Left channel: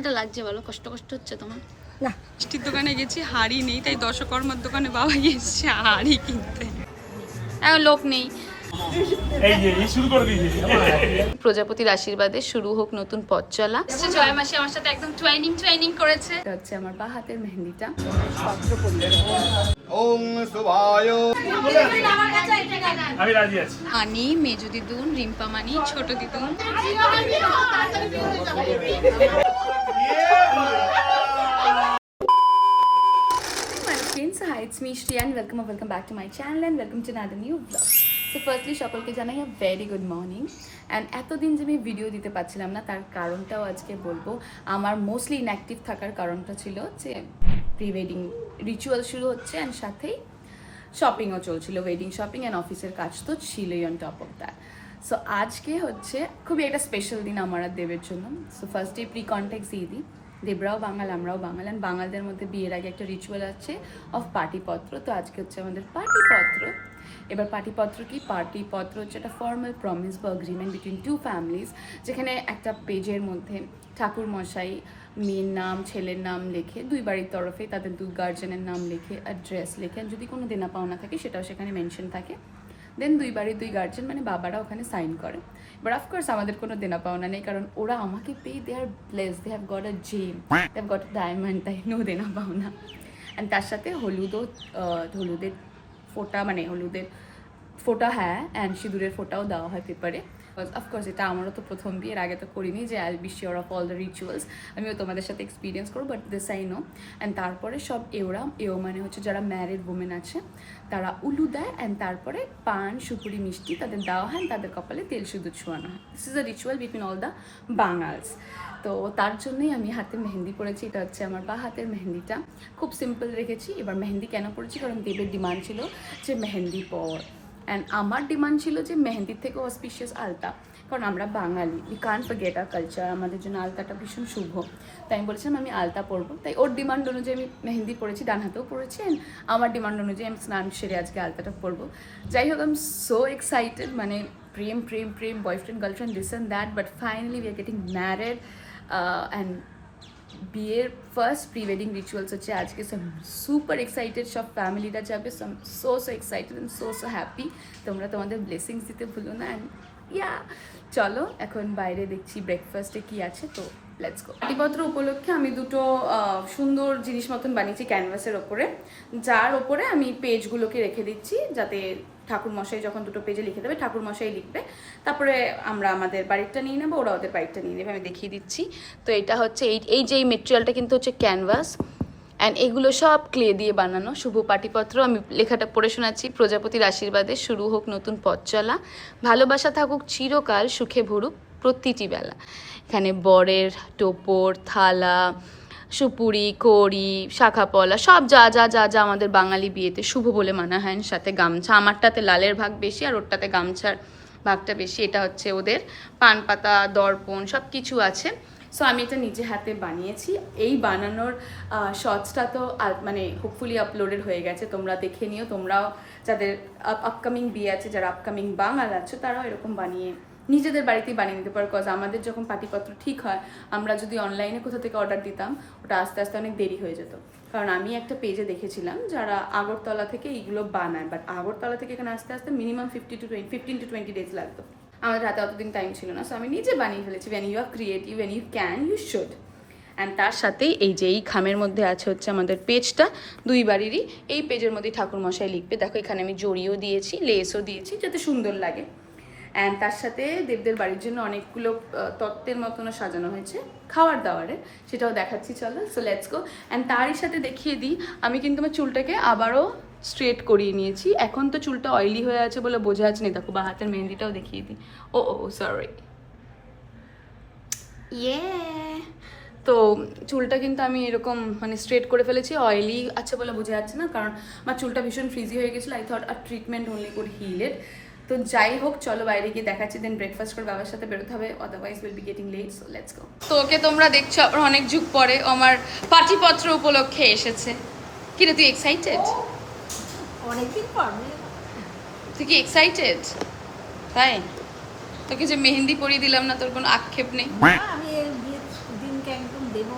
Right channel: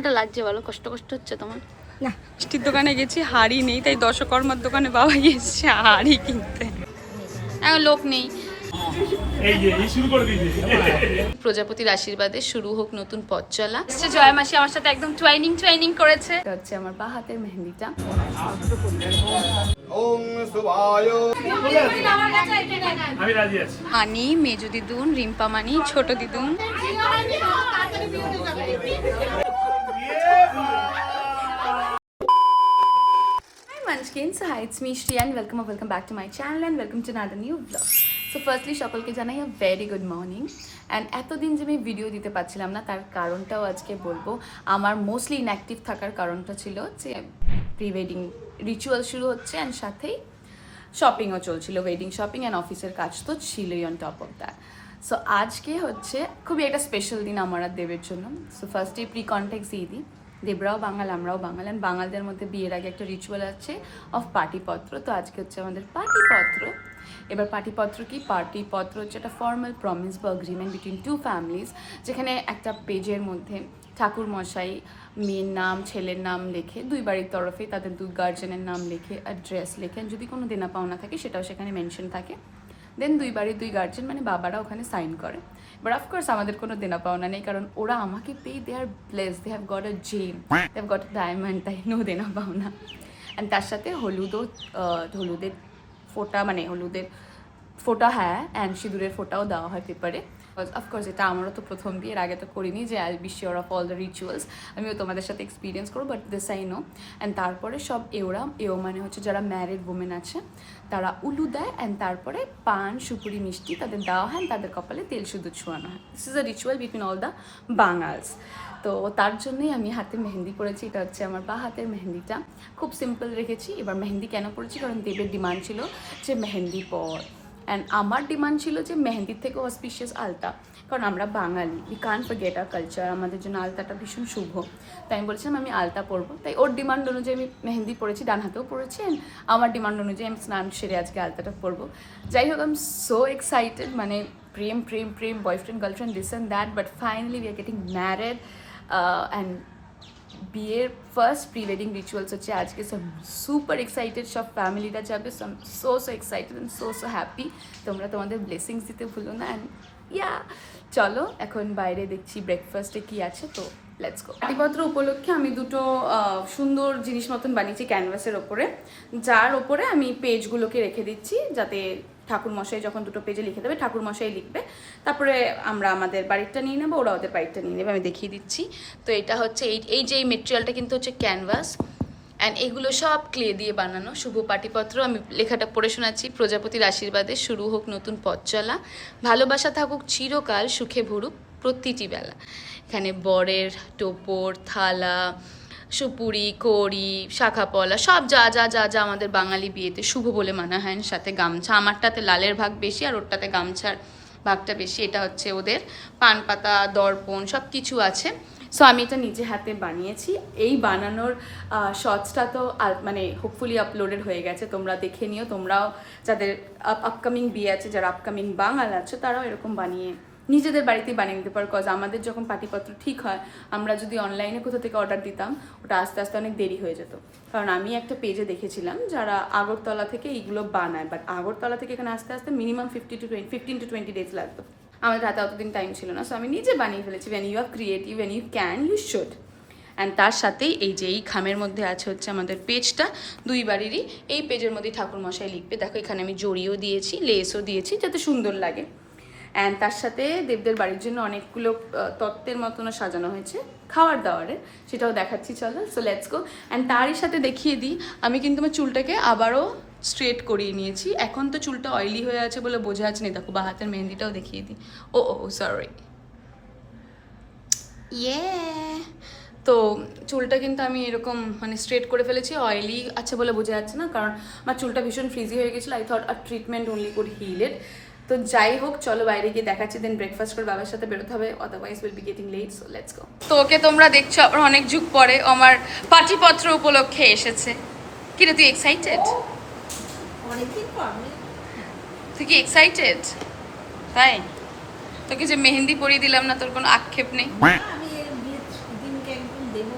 এটা লাগছে বলো, কষ্ট কষ্ট হচ্ছে তোমার? না, মিষ্টির দোকানে গেছি, হাড়ি নেই, তাই দশকর্মার দোকানে বাবা গিয়েছে হাড়ি কিনতে। এখন লোক নেই। প্রজাপতির আশীর্বাদে শুরু হোক নতুন পথ চলা। জয় মাসি আমার সাথে একদম টুয়াইনিং করেছে। এটা হচ্ছে আমার বা হাতের মেহেন্দিটা। আনি, মেজো দিদুন, রিম্পা মানি, ছোট দিদুন। Hi, it's me Shri and welcome back to my channel and welcome to another new vlog. So firstly সকলকে জানাই a very good morning and এতদিন যে আমি ভিডিও দিতে পারছিলাম না তার কারণটাও আজকে বলবো। আমার মোস্টলি ইনঅ্যাক্টিভ থাকার কারণটা ছিল যে প্রি ওয়েডিং রিচুয়াল শুরু হচ্ছে অ্যান্ড সাথেই শপিংও চলছিল, ওয়েডিং শপিং অ্যান্ড অফিসের কাজ তো ছিলই on top of that. So আজকে হচ্ছে খুবই একটা স্পেশাল দিন আমার আর দেবের জন্য। সো ফার্স্টে প্রি কন্টেক্স দিয়ে দিই, দেবরাও বাঙাল, আমরাও বাঙাল, অ্যান্ড বাঙালদের মধ্যে বিয়ের আগে একটা রিচুয়াল আছে অফ পার্টিপত্র। তো আজকে হচ্ছে আমাদের পার্টিপত্র। এবার পার্টিপত্র কি? পার্টিপত্র হচ্ছে একটা ফর্মাল প্রমিস বা এগ্রিমেন্ট বিটুইন টু ফ্যামিলিজ, যেখানে একটা পেজের মধ্যে ঠাকুর মশাই মেয়ের নাম ছেলের নাম লেখে, দুই বাড়ির তরফে তাদের দুই গার্জেনের নাম লেখে, অ্যাড্রেস লেখেন, যদি কোনো দেনা পাওনা থাকে সেটাও সেখানে মেনশন থাকে। দেন দুই বাড়ির দুই গার্জেন মানে বাবারা ওখানে সাইন করে। বাট অফকোর্স আমাদের কোনো দেনা পাওনা নেই, কারণ ওরা আমাকে পেয়ে, they are bless, they have got a gem, they have got a diamond, তাই নো দেনা পাওনা। অ্যান্ড তার সাথে হলুদের ফোঁটা, মানে হলুদের ফোঁটা, হ্যাঁ, অ্যান্ড সিঁদুরের ফোঁটাও দেওয়া হয় পেপারে। অফকোর্স এটা আমারও তো প্রথম বিয়ের আগে তো করিনি যে I be sure of all the rituals, আমিও তোমাদের সাথে এক্সপিরিয়েন্স করবো, but this I know. And তারপরে সব এও মানে হচ্ছে যারা ম্যারিড ওমেন আছে তারা উলু দেয়, অ্যান্ড তারপরে পান সুপুরি মিষ্টি তাদের দেওয়া হয়, তাদের কপালে তেল সিঁদুর ছোঁয়ানো হয়। This is a ritual between all the Bangals. তো তার জন্যই আমি হাতে মেহেন্দি পরেছি। এটা হচ্ছে আমার বা হাতের মেহেন্দিটা, খুব সিম্পল রেখেছি। এবার মেহেন্দি কেন পরেছি? কারণ দেবের ডিমান্ড ছিল যে মেহেন্দি পর, অ্যান্ড আমার ডিমান্ড ছিল যে মেহেন্দির থেকেও অসপিশিয়াস আলতা, কারণ আমরা Bengali, we can't forget our culture, আমাদের জন্য আলতাটা ভীষণ শুভ। তাই আমি বলেছিলাম আমি আলতা পরবো, তাই ওর ডিমান্ড অনুযায়ী আমি মেহেন্দি পরেছি, ডান হাতেও পরেছি, অ্যান্ড আমার ডিমান্ড অনুযায়ী আমি স্নান সেরে আজকে আলতাটা পরবো। যাই হোক, আই এম সো এক্সাইটেড, মানে প্রেম প্রেম প্রেম, boyfriend girlfriend, this and that, but finally we are getting married. And বিয়ের ফার্স্ট প্রি ওয়েডিং রিচুয়ালস হচ্ছে আজকে। সো সুপার এক্সাইটেড, সব ফ্যামিলিটা যাবে, so so excited and so happy. তোমরা তোমাদের ব্লেসিংস দিতে ভুলো না। অ্যান্ড ইয়া, চলো এখন বাইরে দেখছি ব্রেকফাস্টে কি আছে, তো লেটস গো। পাটিপত্র উপলক্ষে আমি দুটো সুন্দর জিনিস মতন বানিয়েছি ক্যানভাসের ওপরে, যার ওপরে আমি পেজগুলোকে রেখে দিচ্ছি, যাতে ঠাকুর মশাই যখন দুটো পেজে লিখে দেবে ঠাকুর মশাই লিখবে, তারপরে আমরা আমাদের বাড়িটা নিয়ে নেবো, ওরা ওদের বাড়িটা নিয়ে নেবে। আমি দেখিয়ে দিচ্ছি। তো এটা হচ্ছে এই যে মেটেরিয়ালটা কিন্তু হচ্ছে ক্যানভাস, অ্যান্ড এগুলো সব ক্লে দিয়ে বানানো। শুভ পাটিপত্র, আমি লেখাটা পড়ে শোনাচ্ছি। প্রজাপতির আশীর্বাদে শুরু হোক নতুন পথ চলা, ভালোবাসা থাকুক চিরকাল, সুখে ভরুক প্রতিটি বেলা। এখানে বরের টোপর, থালা, সুপুরি, কড়ি, শাখাপলা, সব যা যা যা যা আমাদের বাঙালি বিয়েতে শুভ বলে মানা হয়। সাথে গামছা, আমারটাতে লালের ভাগ বেশি আর ওরটাতে গামছার ভাগটা বেশি। এটা হচ্ছে ওদের পান পাতা, দর্পণ, সব কিছু আছে। সো আমি এটা নিজে হাতে বানিয়েছি। এই বানানোর শর্টসটা তো মানে হোপফুলি আপলোডেড হয়ে গেছে, তোমরা দেখে নিও। তোমরাও যাদের আপকামিং বিয়ে আছে, যারা আপকামিং বাঙাল আছে, তারাও এরকম বানিয়ে নিজেদের বাড়িতেই বানিয়ে নিতে পারো। কজ আমাদের যখন পাটিপত্র ঠিক হয়, আমরা যদি অনলাইনে কোথা থেকে অর্ডার দিতাম, ওটা আস্তে আস্তে অনেক দেরি হয়ে যেত। কারণ আমি একটা পেজে দেখেছিলাম যারা আগরতলা থেকে এইগুলো বানায়, বাট আগরতলা থেকে এখানে আস্তে আস্তে মিনিমাম 15 to 20 ডেজ লাগতো। আমাদের হাতে অতদিন টাইম ছিল না, সো আমি নিজে বানিয়ে ফেলেছি। When you are creative, when you can, you should. And তার সাথেই এই যে এই খামের মধ্যে আছে হচ্ছে আমাদের পেজটা, দুই বাড়িরই। এই পেজের মধ্যেই ঠাকুরমশাই লিখবে। দেখো এখানে আমি জড়িও দিয়েছি, লেসও দিয়েছি, যাতে সুন্দর লাগে। অ্যান্ড তার সাথে দেবদের বাড়ির জন্য অনেকগুলো তত্ত্বের মতনও সাজানো হয়েছে খাওয়ার দাওয়ারে, সেটাও দেখাচ্ছি, চলো। So let's go. অ্যান্ড তারই সাথে দেখিয়ে দিই, আমি কিন্তু আমার চুলটাকে আবারও স্ট্রেট করিয়ে নিয়েছি। এখন তো চুলটা অয়েলি হয়ে আছে বলে বোঝা যাচ্ছে না, দেখো বা হাতের মেহেন্দিটাও দেখিয়ে দিই। ও সরি, ইয়ে। তো চুলটা কিন্তু আমি এরকম মানে স্ট্রেট করে ফেলেছি। অয়েলি আছে বলে বোঝা যাচ্ছে না, কারণ আমার চুলটা ভীষণ ফ্রিজি হয়ে গেছিলো। I thought a treatment only could heal it. তো যাই হোক, চলো বাইরে গিয়ে দেখাচ্ছি, দেন ব্রেকফাস্ট করে বাবার সাথে বেরোতে হবে, otherwise will be getting late. So let's go. তো ওকে তোমরা দেখছো আবার অনেক যুগ পরে আমার পাটিপত্র উপলক্ষে এসেছে। কিরে তুই এক্সাইটেড? অনেকদিন পর। তুই কি এক্সাইটেড? তাই তোকে যে মেহেন্দি পরিয়ে দিলাম না, তোর কোনো আক্ষেপ নেই? আমি এই বিয়ের দিনকে একদম দেবো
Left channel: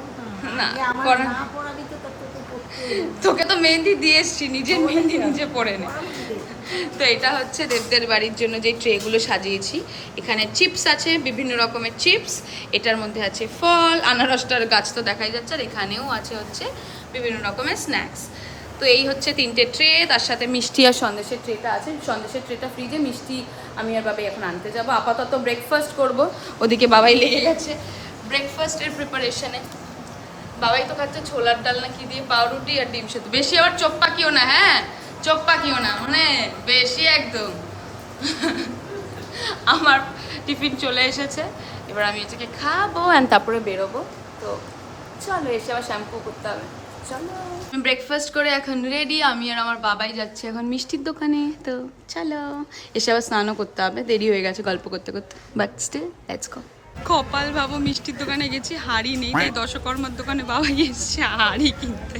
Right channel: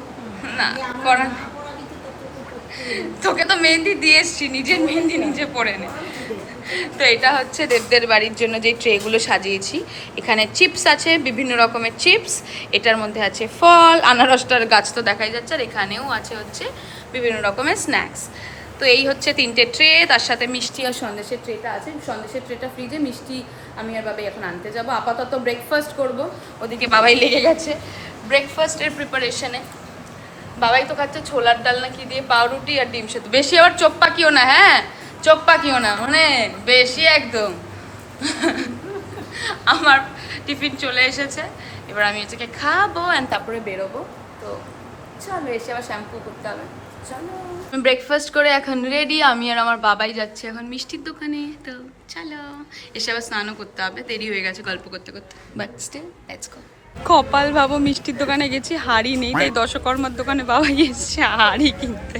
না, আমার করা না পড়াবি তো তোকে করতে তোকে তো মেহেন্দি দিয়ে এসছি, নিজের মেহেন্দি নিজে পরে নে। তো এটা হচ্ছে দেবদের বাড়ির জন্য যে ট্রেগুলো সাজিয়েছি। এখানে চিপস আছে, বিভিন্ন রকমের চিপস। এটার মধ্যে আছে ফল, আনারসটার গাছ তো দেখাই যাচ্ছে, আর এখানেও আছে হচ্ছে বিভিন্ন রকমের স্ন্যাক্স। তো এই হচ্ছে 3টে ট্রে, তার সাথে মিষ্টি আর সন্দেশের ট্রেটা আছে। সন্দেশের ট্রেটা ফ্রিজে, মিষ্টি আমি আর বাবাই এখন আনতে যাব। আপাতত ব্রেকফাস্ট করব, ওদিকে বাবাই লেগে গেছে ব্রেকফাস্টের প্রিপারেশনে। বাবাই তো খাচ্ছে ছোলার ডাল না কি দিয়ে, পাউরুটি আর ডিম সেদ্ধ। বেশি আবার চোখ পাকিও না, হ্যাঁ চোখ পাকিও না, মানে বেশি একদম। আমার টিফিন চলে এসেছে, এবার আমি এটাকে খাবো অ্যান্ড তারপরে বেরোবো। তো চলো, এসে আবার শ্যাম্পু করতে হবে। চলো, আমি ব্রেকফাস্ট করে এখন রেডি। আমি আর আমার বাবাই যাচ্ছে এখন মিষ্টির দোকানে। তো চলো, এসে আবার স্নানও করতে হবে, দেরি হয়ে গেছে গল্প করতে করতে, বাট স্টিল লেটস গো। কপাল ভাবো, মিষ্টির দোকানে গেছি, হাড়ি নেই, তাই দশকর্মার দোকানে বাবাই এসছে হাড়ি কিনতে।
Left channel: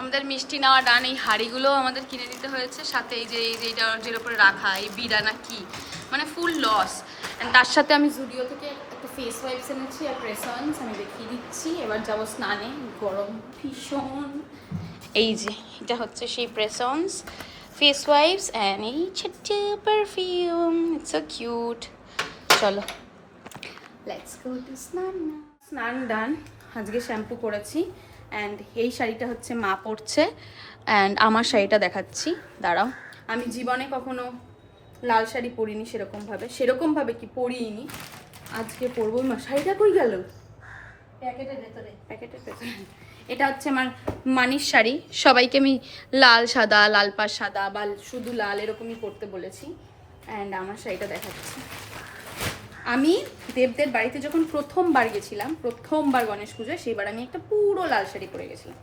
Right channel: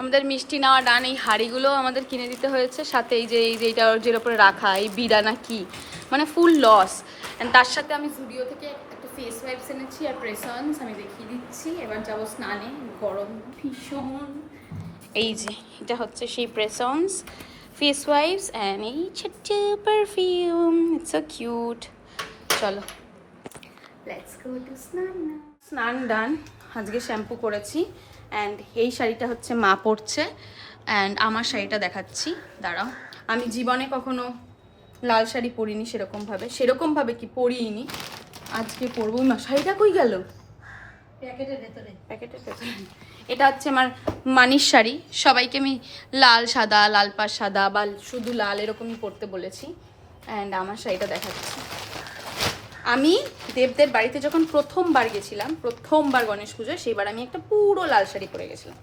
আমাদের মিষ্টি নেওয়া ডান। এই হাঁড়িগুলো আমাদের কিনে দিতে হয়েছে, সাথে এই যে এইটা যের ওপরে রাখা, এই বিড়া না কি, মানে ফুল লস। অ্যান্ড তার সাথে আমি জুডিও থেকে একটা ফেস ওয়াইপস এনেছি আর প্রেসন্স, আমি দেখিয়ে দিচ্ছি। এবার যাব স্নানে, গরম ভীষণ। এই যে এটা হচ্ছে সেই প্রেসন্স ফেস ওয়াইপস অ্যান্ড এই ছোট্ট পারফিউম, ইটস সো কিউট। চলো লেটস গো টু স্নান। স্নান ডান, আজকে শ্যাম্পু করেছি। অ্যান্ড এই শাড়িটা হচ্ছে মা পরছে, অ্যান্ড আমার শাড়িটা দেখাচ্ছি, দাঁড়াও। আমি জীবনে কখনো লাল শাড়ি পরিনি সেরকমভাবে কি পরিনি, আজকে পরবো। মা শাড়িটা কই গেল? প্যাকেটের ভেতরে। এটা হচ্ছে আমার মানির শাড়ি। সবাইকে আমি লাল সাদা, লাল পাড় সাদা বা শুধু লাল এরকমই পরতে বলেছি। অ্যান্ড আমার শাড়িটা দেখাচ্ছি। আমি দেবদের বাড়িতে যখন প্রথমবার গেছিলাম, প্রথমবার গণেশ পুজোয়, সেইবার আমি একটা পুরো লাল শাড়ি পরে গেছিলাম।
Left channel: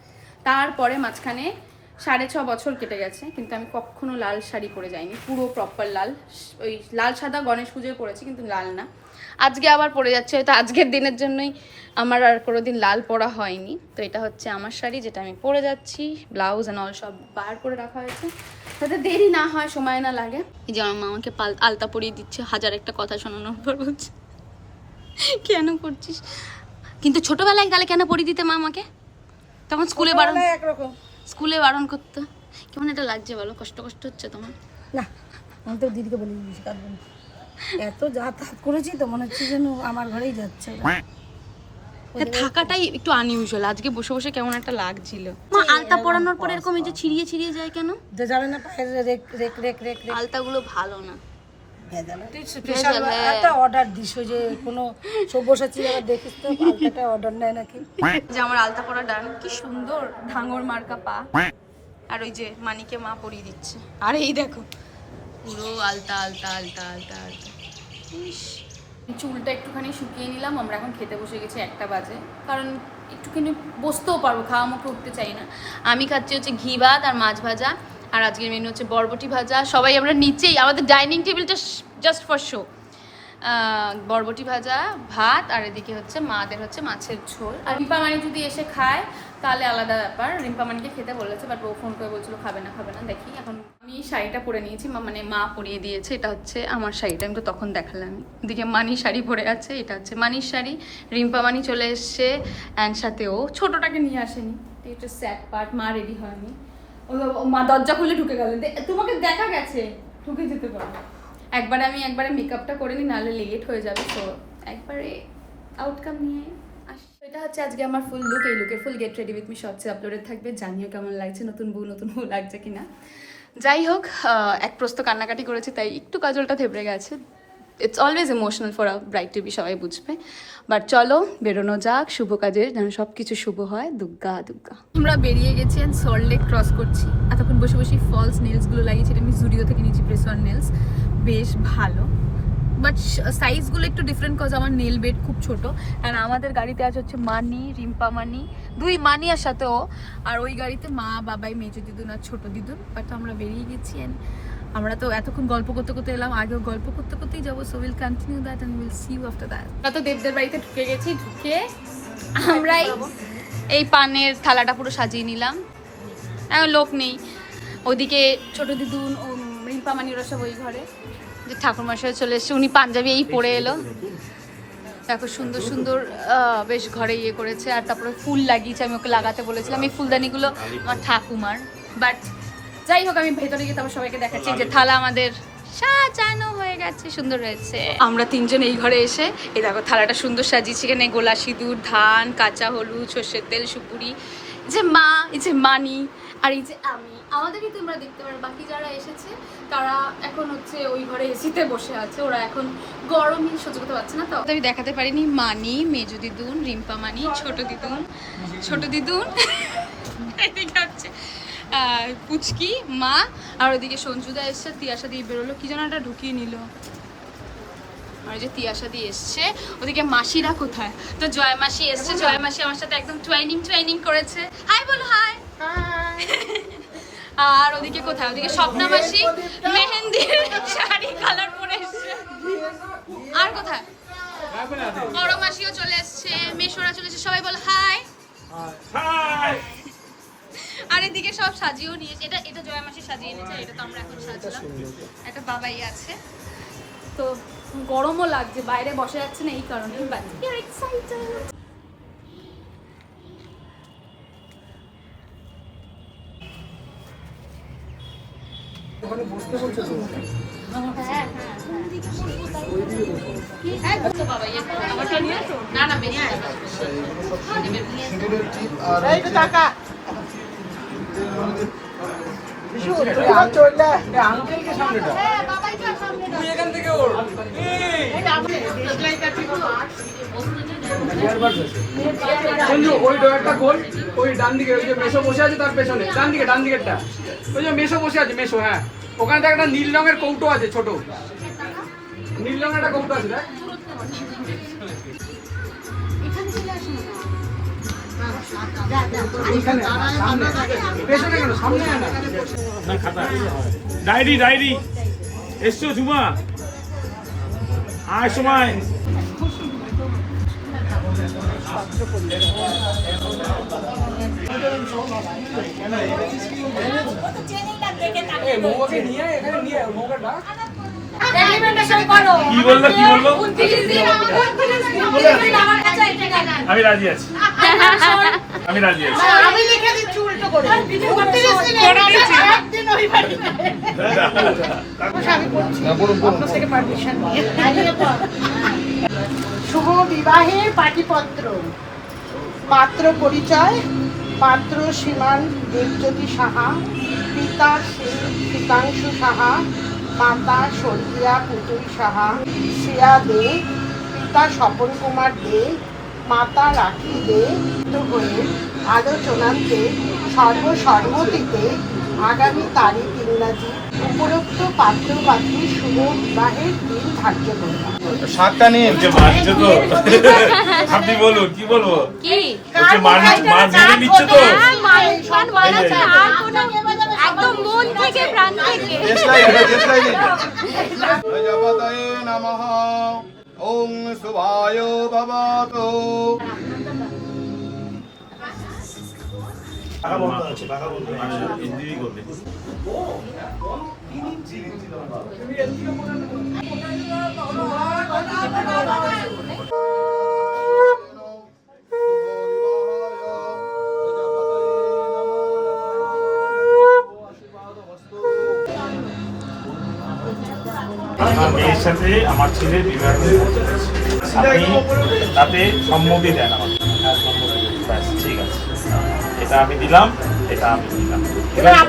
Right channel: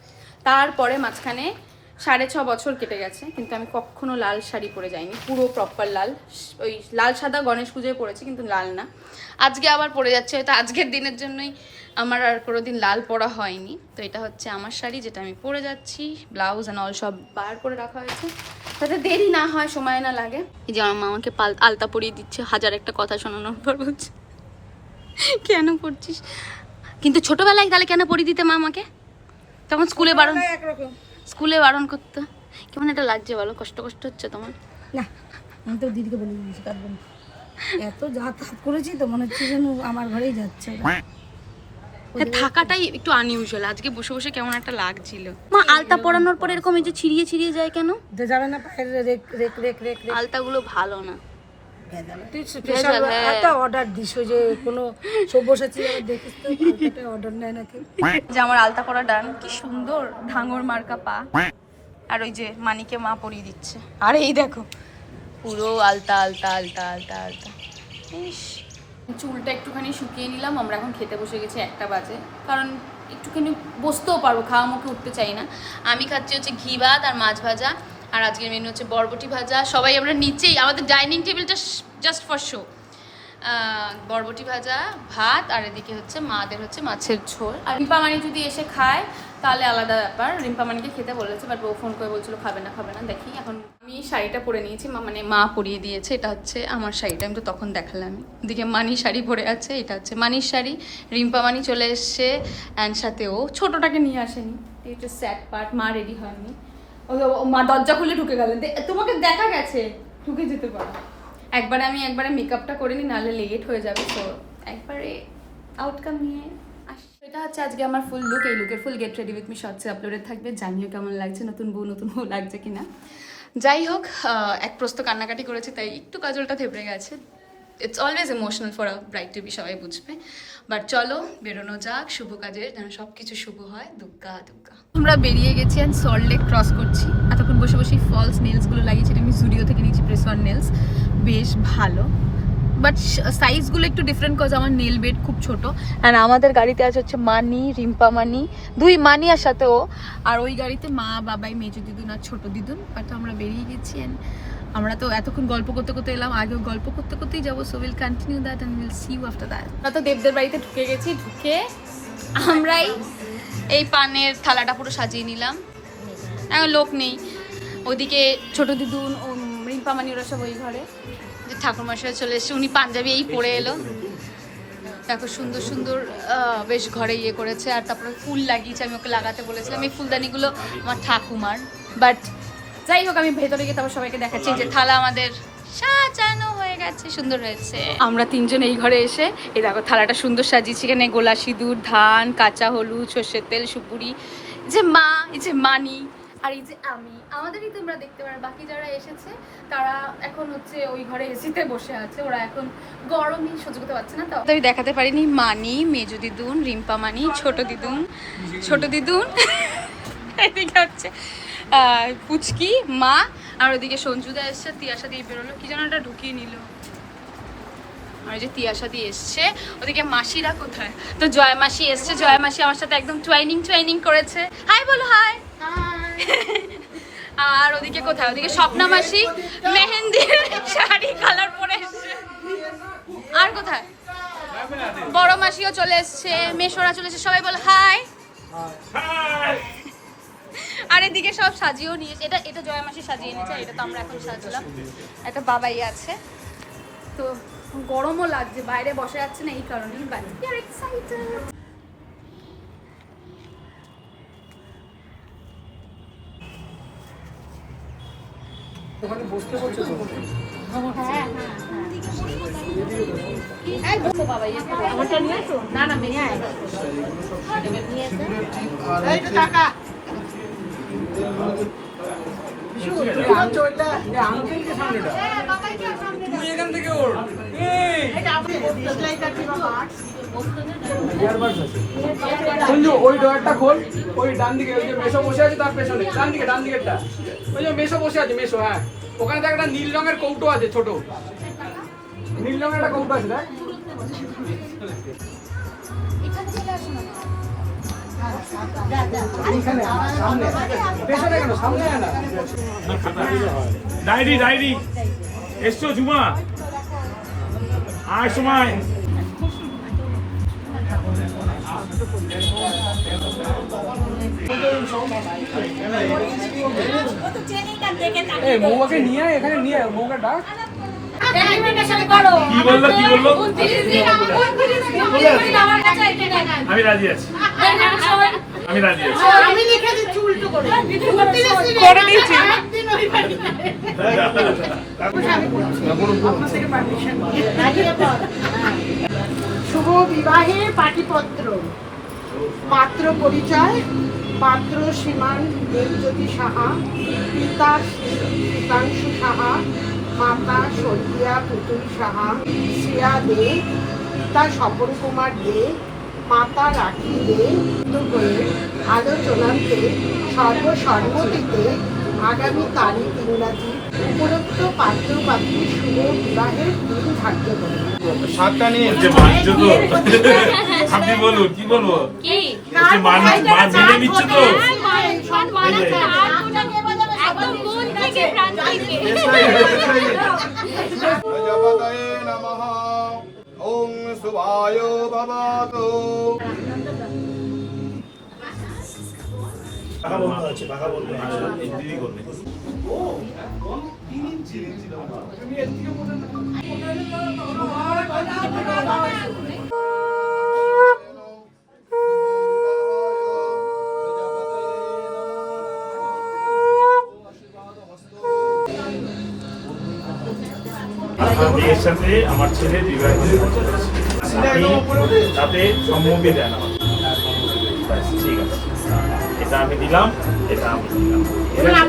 তারপরে মাঝখানে 6.5 বছর কেটে গেছে, কিন্তু আমি কখনো লাল শাড়ি পরে যাইনি, পুরো প্রপার লাল। ওই লাল সাদা গণেশ পুজোয় পরেছি, কিন্তু লাল না। আজকে আবার পরে যাচ্ছে, হয়তো আজকের দিনের জন্যই আমার আর কোনোদিন লাল পরা হয়নি। তো এটা হচ্ছে আমার শাড়ি, যেটা আমি পরে যাচ্ছি। ব্লাউজ অ্যান্ড অল সব বার করে রাখা হয়েছে, যাতে দেরি না হয়, সময় না লাগে। এই যে আমার মামাকে আলতা পরিয়ে দিচ্ছে, হাজার একটা কথা শোনানোর পর বলছে কেন করছিস, কিন্তু ছোটবেলায় তাহলে কেন পরিয়ে দিতে মা আমাকে? তখন স্কুলে বারণ করতো। কেমন এটা লাগছে বলো? কষ্ট হচ্ছে তোমার? না, আমি তো দিদিকে বলে দিয়েছি কাঁদবো না। এত যাতায়াত করেছি তো মনে হচ্ছে যেন আমার ঘরেই যাচ্ছে। থাকাটাই একটু আনইউজুয়াল, আজকে বসে বসে কেমন একটা লাগছিল। মা আলতা পরানোর পর এরকম এই যে ছিড়িয়ে যায় কেন? জানে না পায়ের রেক আলতাগুলো ভালো না। তুই স্পেশাল একটা অর্ডার দিস, যে কোনো সব্যসাচী আবার দেখিস তো আলতাটা অর্ডার নেয় নাকি। যে আমার আলতা পরা ডান, কি সুন্দর ঢাঙর মার্কা পা। আর ওই যে মানিকে মা পরিয়ে দিচ্ছে, আর এই দেখো পুরো আলতা আলতা আলতা আলতা আলতা। ইস, চুলটা একটুখানি শুকিয়ে নিলাম। আমরা এখন খেতে বসে গেছি, 1টা বাজে, কারণ একটুখানি বসতেও পারবো, খাওয়া মুখে উঠতে চাই না। আমি খাচ্ছি হচ্ছে ঘি ভাত আর মাছ ভাজা, আর আজকের মেনু হচ্ছে বরবটি ভাজা। সবাই আমরা নিচেই, আমাদের ডাইনিং টেবিলটা জাস্ট ফর শো। বরবটি ভাজা, ভাত, আর এদিকে হচ্ছে মাদের হচ্ছে মাছের ঝোল। আর রিম্পামানি যদি এসে খায় তাহলে আলাদা ব্যাপার। রিম্পামানিকে খেতে বলেছে, বাট ও ফোন করে বলছিল খাবে না। দেখি, এখন আমি শাড়িটা পরে নিয়েছি, মানে মা পরিয়ে দিয়েছে। এটা হচ্ছে আমার শাড়িটা, আমি তো তখন দেখালাম। এদিকে মানি শাড়ি পরে আছে, এটা হচ্ছে মানির শাড়ি। রিম্পামানি চলে এসছে, অ্যান্ড সাথে ও ছোটোটাকে নিয়ে আসেনি, এটা স্যাড পার্ট। মা রেডি হয়নি, ও মা দরজা খুলে ঢুকে গেলেন। তোমাকে দেখা গেছে, ঢুকে যেতে পারো। একবারে মেকআপটা করে নিই, নাহলে লেট হয়ে যাবে। তো একবারে আউটকাম নিয়ে আসি। এটা হচ্ছে আজকে আমার ফুল লুক। এই লুকের full get ready with me শর্টসে আপলোডেড থাকবে। জানিও কেমন লাগছে, নতুন বউ লাগছে কিনা। যাই হোক, এক প্রস্ত কান্নাকাটি করেছে, তাই একটু কাজলটা থেবড়ে গেছে। It's always emotional for a bride to be, সবাই বুঝবে। বাট চলো বেরোনো যাক, শুভ কাজের যেন সব কিছু শুভ হয়। দুর্গা। আমরা বেরিয়ে গেছি, অ্যান্ড সল্ট লেক ক্রস করছি। এতক্ষণ বসে ফলস নেলসগুলো লাগিয়েছি, আমি জুডিও থেকে নিয়েছি প্রেস অন নেলস, বেশ ভালো। বাট সাইজগুলো একটু ডিফারেন্ট, কজ আমার নেল বেড খুব ছোট। অ্যান্ড আমাদের গাড়িতে আছে হচ্ছে মানি, রিম্পামানি, 2 মানি আর সাথে ও। আর ওই গাড়িতে মা, বাবাই, মেজো দিদুন আর ছোট দিদুন। বাট আমরা বেরিয়ে গেছি, অ্যান্ড আমরা তো এতক্ষণ গল্প করতে এলাম, আগেও গল্প করতেই যাবো। So will continue that and will see you after that. আমরা তো দেবদের বাড়িতে ঢুকে গেছি, ঢুকে আমরাই এই পানের থালাটা পুরো সাজিয়ে নিলাম। এখন লোক নেই, ওদিকে ছোট দিদুন ও রিম্পামানি ওরা সব ওই ঘরে। ঠাকুরমশাই চলে এসছে, উনি পাঞ্জাবি এই পরে এলো। দেখো সুন্দর সুন্দর বেশ ঘরে ইয়ে করেছে। আর তারপরে ফুল লাগিয়েছে, আমি ওকে লাগাতে বলেছিলাম। এই ফুলদানিগুলো আমার ঠাকুমার, বাট যাই হোক আমি ভেতরে গিয়ে তারপর সবাইকে দেখাচ্ছি যে থালা আমাদের সাজানো হয়ে গেছে, সুন্দর হয়েছে। আমরা তিনজন এই ঘরে এসে এই দেখো থালাটা সুন্দর সাজিয়েছি। এখানে গোলা সিঁদুর, ধান, কাঁচা হলুদ, সর্ষের তেল, সুপুরি, যে মা, এই যে মানি, আর এই যে আমি। আমাদেরই তোমরা দেখতে পারো। বাকি যারা এসেছে তারা এখন হচ্ছে ওই ঘরে এসিতে বসে আছে, ওরা এখন গরমই সহ্য করতে পারছে না। তো আমি দেখাতে পারিনি মানি, মেজু দিদুন, রিম্পা মানি, ছোট দিদুন এদিকে হচ্ছে আর পুচকি মা, আর ওদিকে সঞ্জুদা এসছে, তিয়াশা দিয়ে বেরোলো, কি যেন একটা ঢুকিয়ে নিল। আর যে তিয়াশা দিয়ে এসছে, ওদিকে মাসিরা কোথায়? তো জয় মাসি এসছে, জয় মাসি আমার সাথে একদম টুয়াইনিং করেছে। হাই বলো, হাই। আর ওদিকে কোথায়? ওদিকে স্বপ্না মাসি মেহেন্দি শাড়ি কালার পরে এসছে। আর কোথায়? বড় মাসিও চলে এসছে, মেশোরা চলে এসছে, সবাই বলো হাই। আর এদিকে সব সাজিয়েও নিয়েছে। এটা জয় মাসি সাজিয়ে এনেছে, এটা তো আমরা এখন সাজলাম। একটা বাবাই আছে, তো গরমও লাগছে, বাইরে বসে যাচ্ছে না এই কারণেই, বাট উই আর এক্সাইটেড। বসতে বলছো তো? ওই ডয়ারটা খোল, ওই ডান দিকে, ওই যে মেশো বসে আছে তার পেছনে, ডান দিকেরটা, ওই যে মেশো বসে আছে, মেশো, হ্যাঁ ওখানে দেখ একটা নীল রঙের কৌটো আছে, ছোট নীল রঙের একটা কৌটো আছে, দেখ। পেছনে কেন, সামনে আয় না। ডায়েরি এসছো ঝুমা, আর সময় মৌমাকে নিয়ে আয়, এখানে নিয়ে আয়, মৌমাকে ডাক। কি বললো আমি রাজি আছি, আমি লিখে দিচ্ছি উল্টো করে দিচ্ছি একদিন ওই বাড়ি আপনার থেকে পারমিশন নিয়ে শুভ বিবাহের পাটিপত্র। পাত্র পরিচয়: পাত্র শ্রীমান দেবজ্যোতি সাহা, পিতা শীতাংশু সাহা, মাতা সন্ধ্যা পুতুল সাহা, শ্রেয়া দে, পিতা স্বপন কুমার দে, মাতা রাখি দে হয়ে আলোচনান্তে সর্বসম্মতিতে আগামী তারিখ ইংরাজি উপরোক্ত পাত্র পাত্রীর শুভ বিবাহের দিন ধার্য করলাম। শাকটা নিয়ে মানছো তো? আপনি বলুন, কি বলবো? মেনে নিচ্ছে তো? একদম মন থেকে প্রাণ থেকে। প্রজাপতয়ে নমঃ। ওং শুভায় ভবতু। মেয়ের সাথে আমার ছেলে বিবাহ আপনি তাতে সম্মতি দেন আমাকে। ঠিক আছে, এটা আমি দিলাম, এটা আমি দিলাম।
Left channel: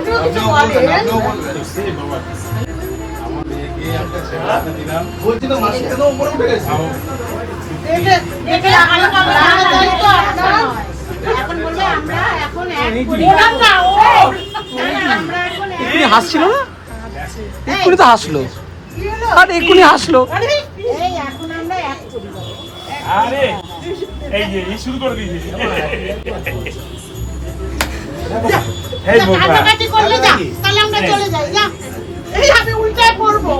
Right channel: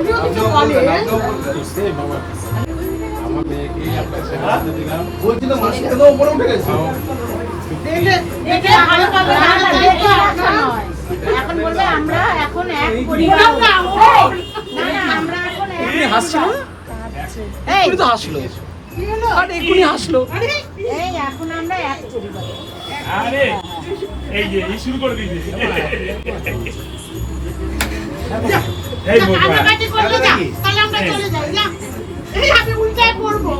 আমার মেয়েকে আপনার ছেলে দিলাম, বলছি তো মাসি কেন উপরে উঠে গেছে। হাসছিল না, এক্ষুনি তো হাসলো, আর এক্ষুনি হাসলো। আরে এই যে এই শুরু করে দিয়েছি। এই বোকা তাহলে আমরা চলে যাই না, এই আমি উল্টায় পড়বো।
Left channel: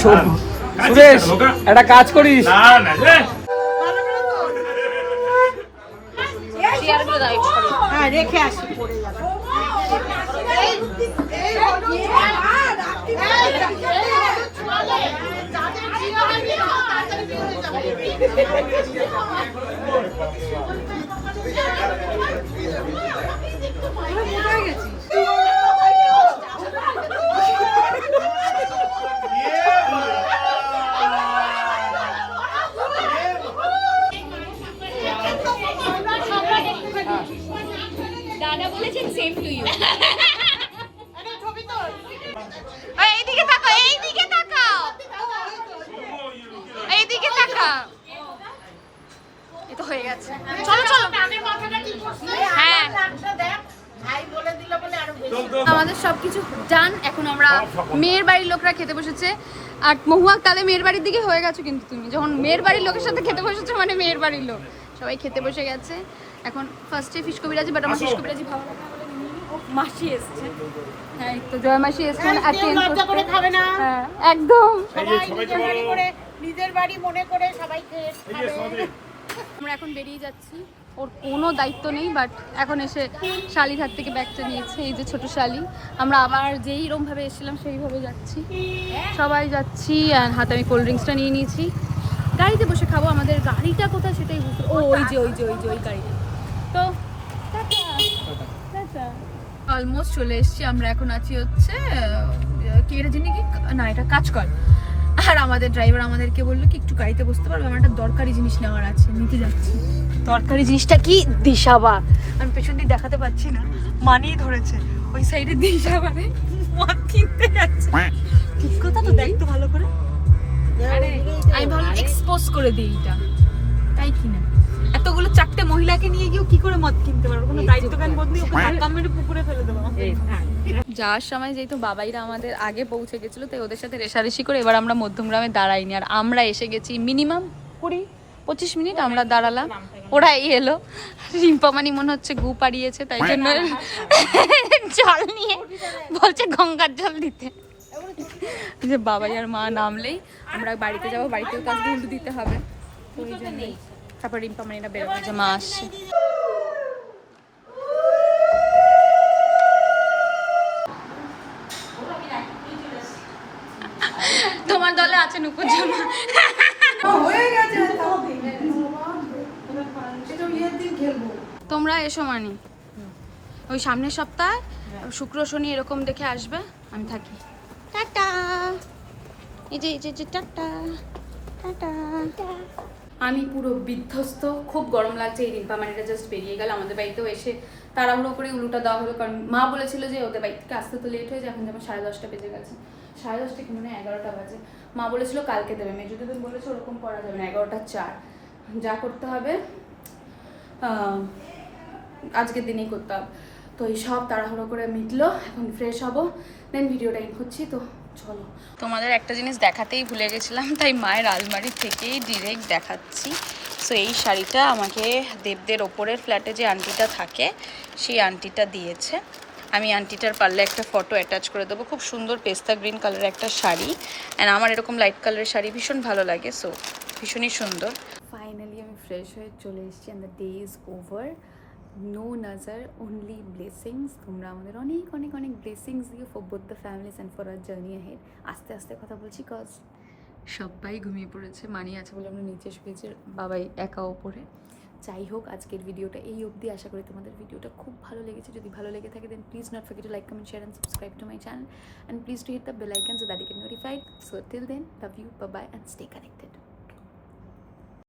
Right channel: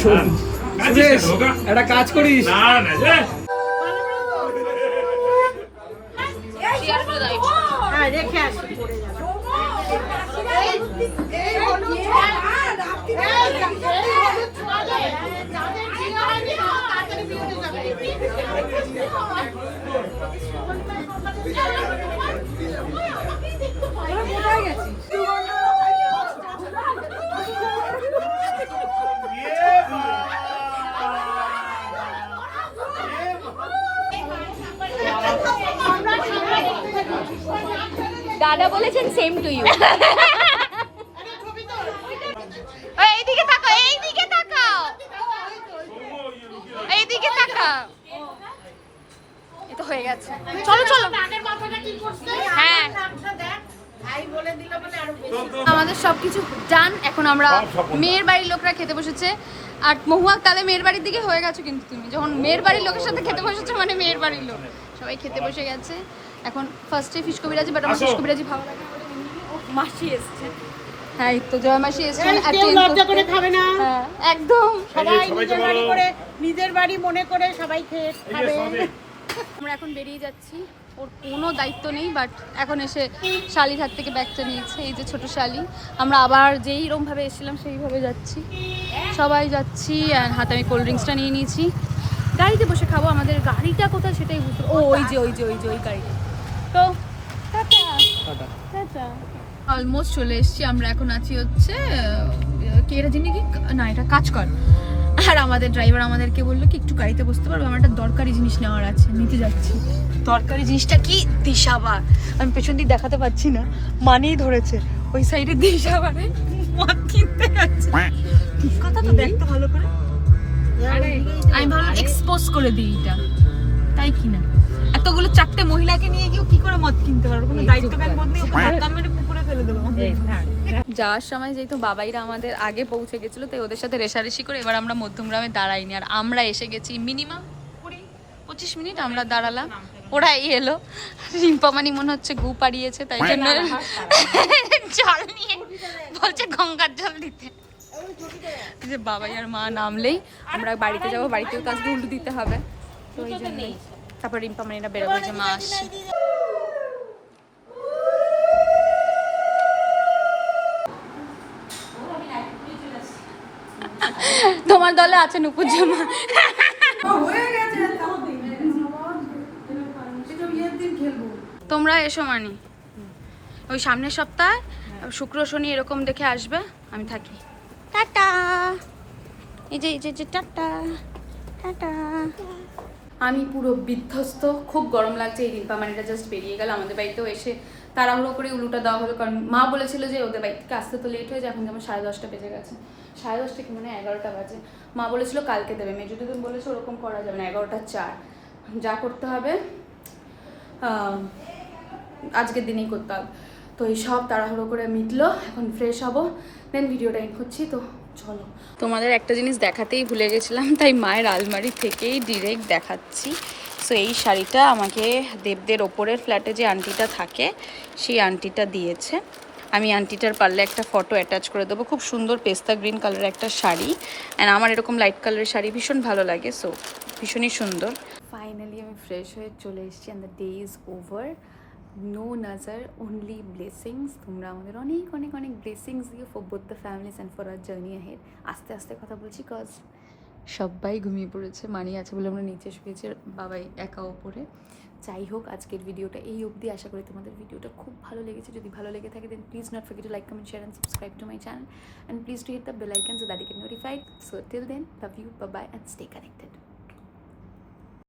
সুরেশ, একটা কাজ করিস, না না যে হ্যাঁ রেখে আসি, পড়ে যাবে। যাদের বিয়ে হয়নি তাড়াতাড়ি বিয়ে হয়ে যাবে। তোরা কোথায় গেছিস? দাদা বলেছেন সেম টু ইউ। এইদিকে তাকাও, এইদিকে তাকাও, এইদিকে তাকাও। এই তো হয়ে গেছে, চলো চলো। হ্যাঁ আমাদের সবকিছু ডান। এখন আমরা মেয়ের বাড়ির লোকরা খেতে বসেছে। আর মহুয়া কালে মেয়ের বাড়ির দিকে হয়ে গেছো, কিন্তু তুমি যখন মেয়ের বাড়ির লোকের সাথে খেতে বসেছো মানে মেয়ের বাড়ির লোক সবাই খেতে বসে গেছে। এখন ফার্স্টে ফিশ কবিরাজি, বাট আমার ফিশ কবিরাজি ভালো লাগে না বলে ও মাসি এসছে। হ্যাঁ এই তো জয় মাসি এসছে লজ্জা করে খাবে না, হ্যাঁ একদম। সবাই নিজের বাড়ি করে, নিজের বাড়ি মনে করে সবাই খেয়ে খাবে। আমরা এখন বেরিয়ে যাচ্ছি, ওর কোনো দায়িত্ব নেই, বাট এখন এসে শালির হাত থেকে ব্যাগটা নিয়েছে, এই যে ছোট শালি। আমরা আবার যেইরকমভাবে এসেছিলাম সেইভাবে যাচ্ছি, সবাই যাচ্ছি। আর হাতে আমি কোল্ড ড্রিঙ্কসটা নিয়ে নিয়েছি। গাড়িতে বসে খাবো, আমাদের গাড়িটা কোথায় সেটাই বুঝতে, ওই যে ওই গাড়িটা। তো টাটা টাটা। অলমোস্ট চলে এসেছি আমরা। এখন আছি হচ্ছে কি এটা জিনিস কি না, এটা কাজকল। আর আমাদের ড্রাইভার আমাদেরকে বললো কি একটু গাড়িতে বসতে পারবে, আমার একটা দরকারি জিনিস নেওয়ার আছে, নিতে যাচ্ছি। দরকারি জিনিসটা কি? দিশাবার। আমি পেছন দিক দেখাতে পাচ্ছি না, মানেই ধরেছে ওই সাইডে দিশাবারে মদ কিনতে যাচ্ছে। ঠিক কথা তো, দেখতে ভালো করে। আমি ভাবলাম এক্সপোজ করে দিই এটা, তাই কিনা এতগুলো চারটে মহিলাকে নিয়ে গিয়েও কি করে মদ কিনতে পারবো? কোনো দায়িত্বজ্ঞান বোধ নেই, ওকে ধাক্কা মেরে পুকুরে ফেলে দেবো। যাওয়ার সময় যেহেতু বাবাইরা আমাদের আগে পৌঁছে গেছিলো, তাই ওদের সাথে রেশারেশি করে এবার আমরা মধ্যমগ্রামে দাঁড়াইনি। আর আমরা এসে গেছি মিনিমাম 20-25 মিনিট আমরা দাঁড়ালাম, ওরাই এলো। রিম্পামানি মনে হচ্ছে গু পাড়িয়েছে, তাই জন্য জল নিয়ে বলছে গঙ্গার জল দিতে। যে বাবাই আর মা নামলেই আমরা বাড়িতে যাবো, বাড়িতেও কাজ হুলু দিতে হবে, তো ওই জন্যই। তারপর রিম্পামানিরা বেরোবে যে মা আসছে। তোমার দলে আছে নুপুর জামা। হয়ে গেছে, এটা বিয়ের দিন খেলবো। তোমরা এসো মানি, ওই সামনের সপ্তাহ শুক্র শনি এরকম দেখে আসবে, আমি থাকি। টাটা। এই যে টাটা টাটা। আমি পুরো বিধ্বস্ত, খুব গরম লাগছে। এই রিম্পামানিটা জাস্ট বেরিয়ে গেল, আমাদের বাড়িতেও এসে তাড়াহুড়ো করে উলুটা দেওয়া হলো, কারণ মা বলেছিল যে ওদের বাড়ি থেকে আসতে তো লেট হয়ে যায়। এখন যেমন 10:30 বেজে গেছে, 10:30 কি মনে হয় 11টা বাজে। মা বলেছিল কালকে দেবে, মেজুদিন বলেছে ওরকম করা যাবে না, 11:04 যা করতে হবে আজকের দিনেই করতে হবে। তো এই সব তাড়াহুড়ো করে মিটলো, এখন ফ্রেশ হবো, দেন ভিডিওটা ইন করছি। তো চলো, তোমাদের একটা জিনিস দেখাতেই ভুলে গেছিলাম, তাই মায়ের আলমারি থেকেই ডিরেক্ট দেখাচ্ছি। সো এই শাড়িটা আমাকে দেবদের ওপরের ফ্ল্যাটে যে আন্টিটা থাকে সেই আন্টিটা দিয়েছে। আমি আন্টিটার পারলে একটা ফটো অ্যাটাচ করে দেবো। খুব সুন্দর পেস্তা গ্রিন কালারের একটা শাড়ি, অ্যান্ড আমার এরকম লাইট কালারের শাড়ি ভীষণ ভালো লাগে, সো ভীষণই সুন্দর। ফাইনালি আমি ফ্রেশ হয়ে চলে এসেছি, and the day is over. No নাজার, অনলি ব্লেসিংস। তোমরা আমাদের অনেক অনেক অনেক ব্লেসিংস দিও for both the families and for our journey ahead. আস্তে আস্তে কথা বলছি, কজ সবাই ঘুমিয়ে পড়েছে। মানি আছে বলে আমরা নিচে শুয়েছি, বাবাই একা ওপরে। যাই হোক, আজকের ভিডিওটা এই অবধি। আশা করি তোমাদের ভিডিওটা খুব ভালো লেগেছে। যদি ভালো লেগে থাকে then please not forget to like, comment, share and subscribe to my channel, and please to hit the bell icon so that you get notified. So till then, love you, bye bye, and stay connected.